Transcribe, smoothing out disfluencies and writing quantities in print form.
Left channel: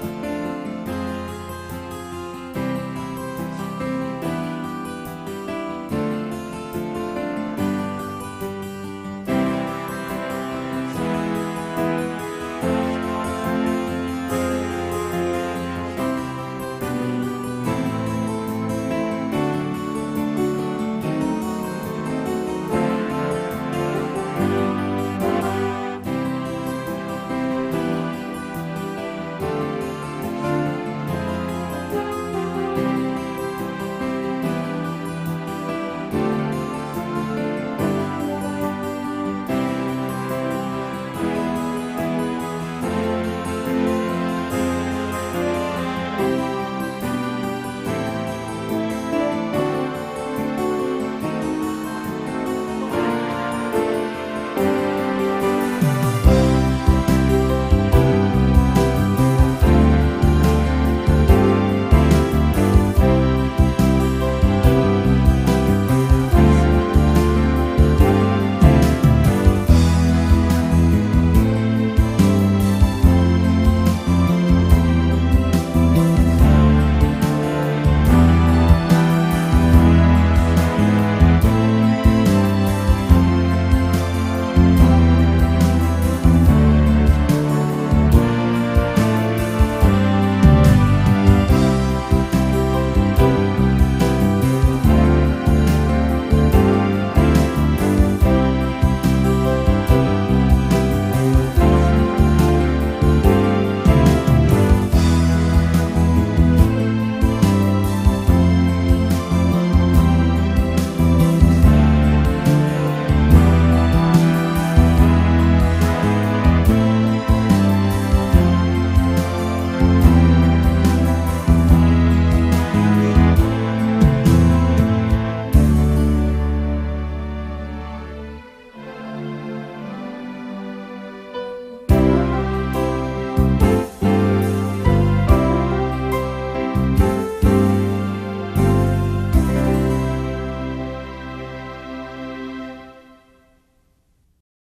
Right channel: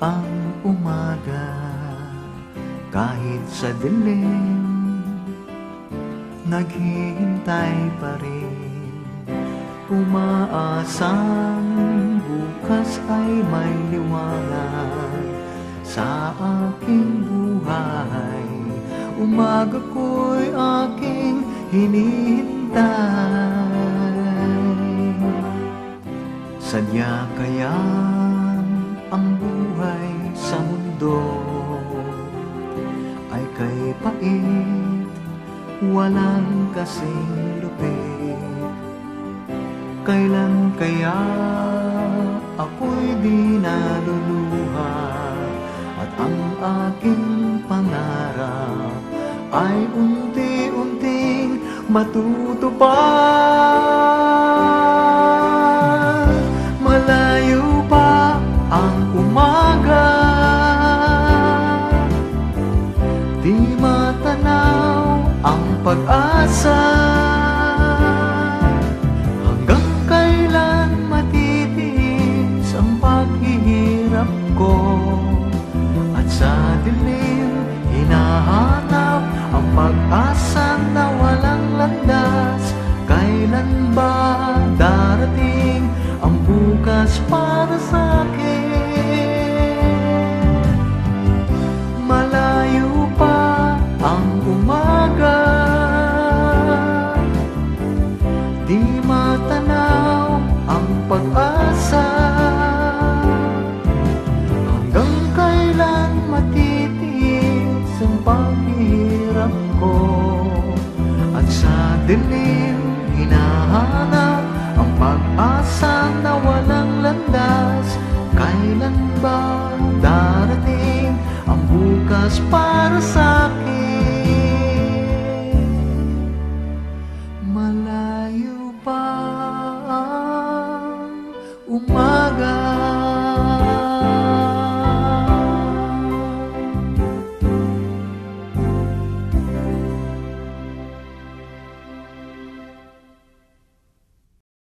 ang umaga. Kahit sa dilim, naghihintay pa rin. Umaasang bukas ay may liwanag sa aking buhay. Umaga ko'y aking hinihintay. Sadya kaya ang buhay sa mundo ay kay pait, walang kasing lupit. Kailan kaya ako'y di naluluha at ang aking pangarap ay unti-unting matutupad?